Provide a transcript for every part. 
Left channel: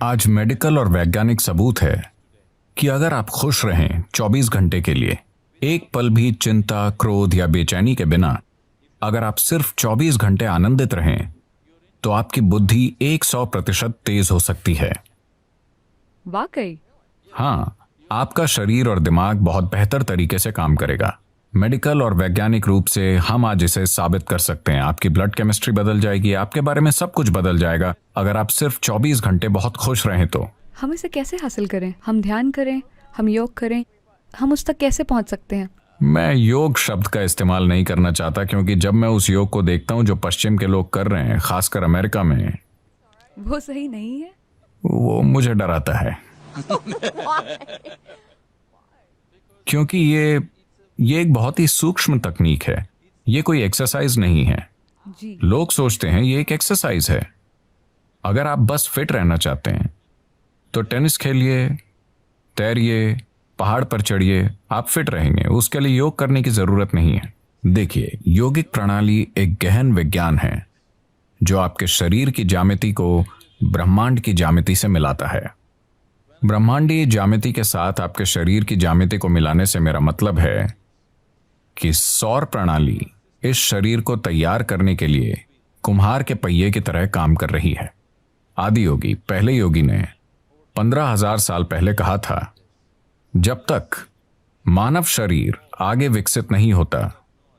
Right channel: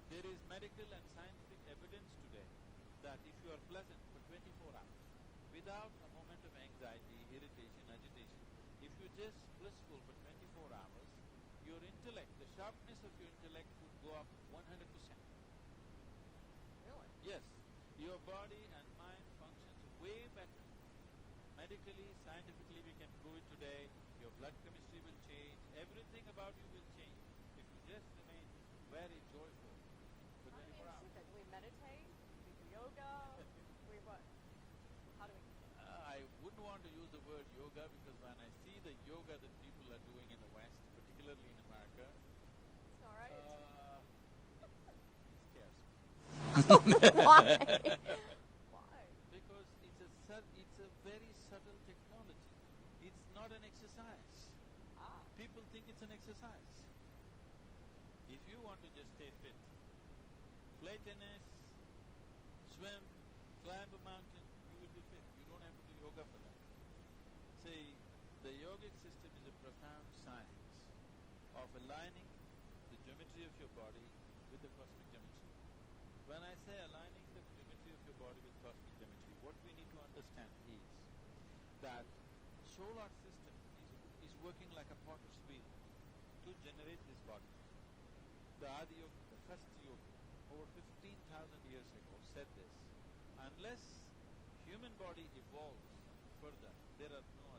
आज मेडिकल और वैज्ञानिक सबूत है कि अगर आप खुश रहें 24 घंटे के लिए, एक पल भी चिंता, क्रोध या बेचैनी के बिना, अगर आप सिर्फ 24 घंटे आनंदित रहें, तो आपकी बुद्धि 100% तेज हो सकती है। वाकई। हाँ, आपका शरीर और दिमाग बहुत बेहतर तरीके से काम करेगा। मेडिकल और वैज्ञानिक रूप से हम आज इसे साबित कर सकते हैं। आपकी ब्लड केमिस्ट्री बदल जाएगी, आपके बारे में सब कुछ बदल जाएगा अगर आप सिर्फ 24 घंटे बहुत खुश रहें तो। हम इसे कैसे हासिल करें? हम ध्यान करें, हम योग करें, हम उस तक कैसे पहुंच सकते हैं? मैं योग शब्द का इस्तेमाल नहीं करना चाहता, क्योंकि जब मैं उस योग को देखता हूं जो पश्चिम के लोग कर रहे हैं, खासकर अमेरिका में, वो सही नहीं है। वो मुझे डराता है। क्योंकि ये एक बहुत ही सूक्ष्म तकनीक है। ये कोई एक्सरसाइज नहीं है। जी। लोग सोचते हैं ये एक एक्सरसाइज है। अगर आप बस फिट रहना चाहते हैं तो टेनिस खेलिए, तैरिए, पहाड़ पर चढ़िए, आप फिट रहेंगे। उसके लिए योग करने की जरूरत नहीं है। देखिए, योगिक प्रणाली एक गहन विज्ञान है जो आपके शरीर की ज्यामिति को ब्रह्मांड की ज्यामिति से मिलाता है। ब्रह्मांडीय ज्यामिति के साथ आपके शरीर की ज्यामिति को मिलाने से मेरा मतलब है कि सौर प्रणाली इस शरीर को तैयार करने के लिए कुम्हार के पहिए की तरह काम कर रही है। आदि योगी, पहले योगी ने 15,000 साल पहले कहा था, जब तक मानव शरीर आगे विकसित नहीं होता,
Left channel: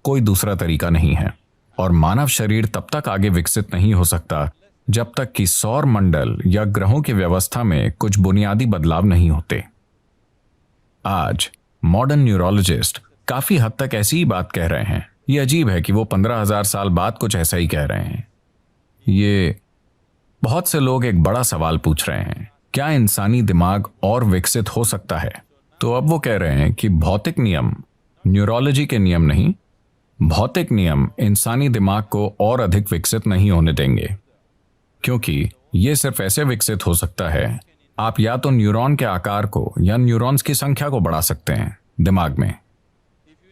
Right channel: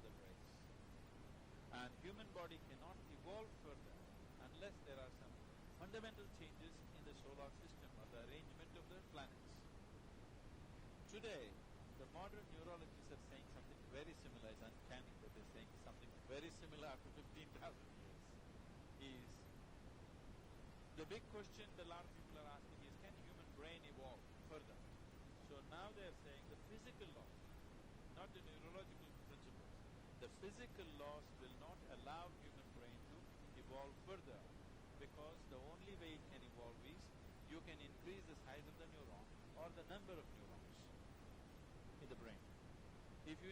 कोई दूसरा तरीका नहीं है। और मानव शरीर तब तक आगे विकसित नहीं हो सकता जब तक कि सौर मंडल या ग्रहों की व्यवस्था में कुछ बुनियादी बदलाव नहीं होते। आज मॉडर्न न्यूरोलॉजिस्ट काफी हद तक ऐसी ही बात कह रहे हैं। ये अजीब है कि वो 15,000 साल बाद कुछ ऐसा ही कह रहे हैं। ये बहुत से लोग एक बड़ा सवाल पूछ रहे हैं, क्या इंसानी दिमाग और विकसित हो सकता है? तो अब वो कह रहे हैं कि भौतिक नियम, न्यूरोलॉजी के नियम नहीं, भौतिक नियम इंसानी दिमाग को और अधिक विकसित नहीं होने देंगे, क्योंकि ये सिर्फ ऐसे विकसित हो सकता है, आप या तो न्यूरॉन के आकार को या न्यूरॉन्स की संख्या को बढ़ा सकते हैं दिमाग में।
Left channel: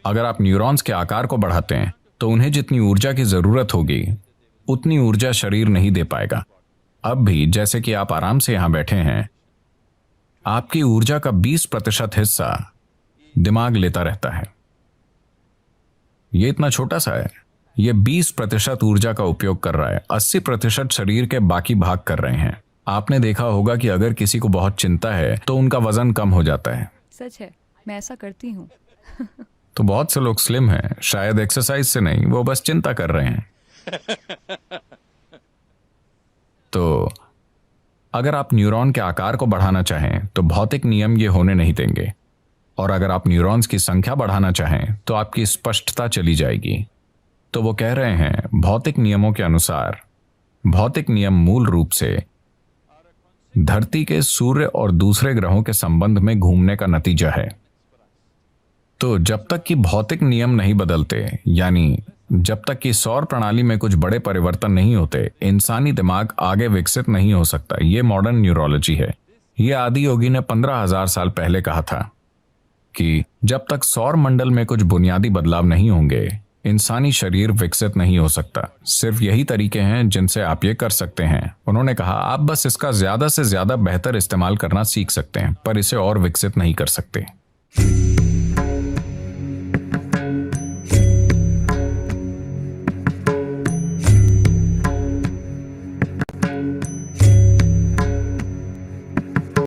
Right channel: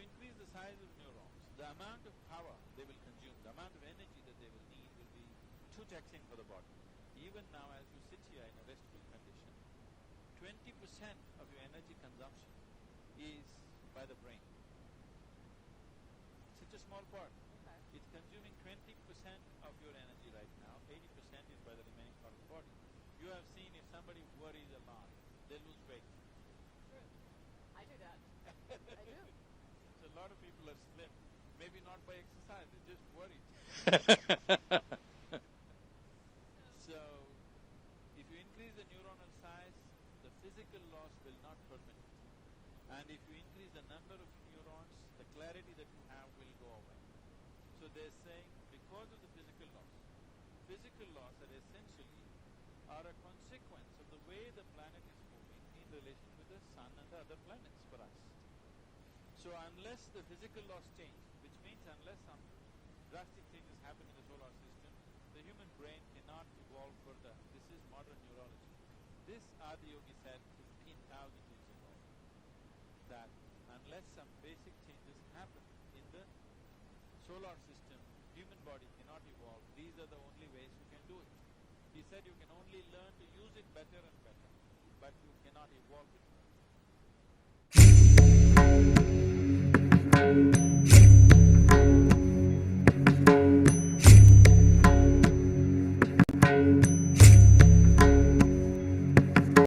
अगर आप न्यूरॉन्स के आकार को बढ़ाते हैं तो उन्हें जितनी ऊर्जा की जरूरत होगी उतनी ऊर्जा शरीर नहीं दे पाएगा। अब भी जैसे कि आप आराम से यहां बैठे हैं, आपकी ऊर्जा का 20% हिस्सा दिमाग लेता रहता है। ये इतना छोटा सा है, ये 20% ऊर्जा का उपयोग कर रहा है, 80% शरीर के बाकी भाग कर रहे हैं। आपने देखा होगा कि अगर किसी को बहुत चिंता है तो उनका वजन कम हो जाता है। सच है, मैं ऐसा करती हूँ। तो बहुत से लोग स्लिम हैं, शायद एक्सरसाइज से नहीं, वो बस चिंता कर रहे हैं। तो अगर आप न्यूरॉन के आकार को बढ़ाना चाहें तो भौतिक नियम ये होने नहीं देंगे, और अगर आप न्यूरॉन्स की संख्या बढ़ाना चाहें तो आपकी स्पष्टता चली जाएगी। तो वो कह रहे हैं, भौतिक नियमों के अनुसार भौतिक नियम मूल रूप से धरती के सूर्य और दूसरे ग्रहों के संबंध में घूमने का नतीजा है। तो जब तक कि भौतिक नियम नहीं बदलते, यानी जब तक कि सौर प्रणाली में कुछ बड़े परिवर्तन नहीं होते, इंसानी दिमाग आगे विकसित नहीं हो सकता। ये मॉडर्न न्यूरोलॉजी है। ये आदि योगी ने 15,000 साल पहले कहा था कि जब तक सौर मंडल में कुछ बुनियादी बदलाव नहीं होंगे, इंसानी शरीर विकसित नहीं हो सकता। सिर्फ यही तरीके हैं जिनसे आप ये कर सकते हैं। उन्होंने कहा, आप बस इसका ज्यादा से ज्यादा बेहतर इस्तेमाल करना सीख सकते हैं, पर इसे और विकसित नहीं कर सकते।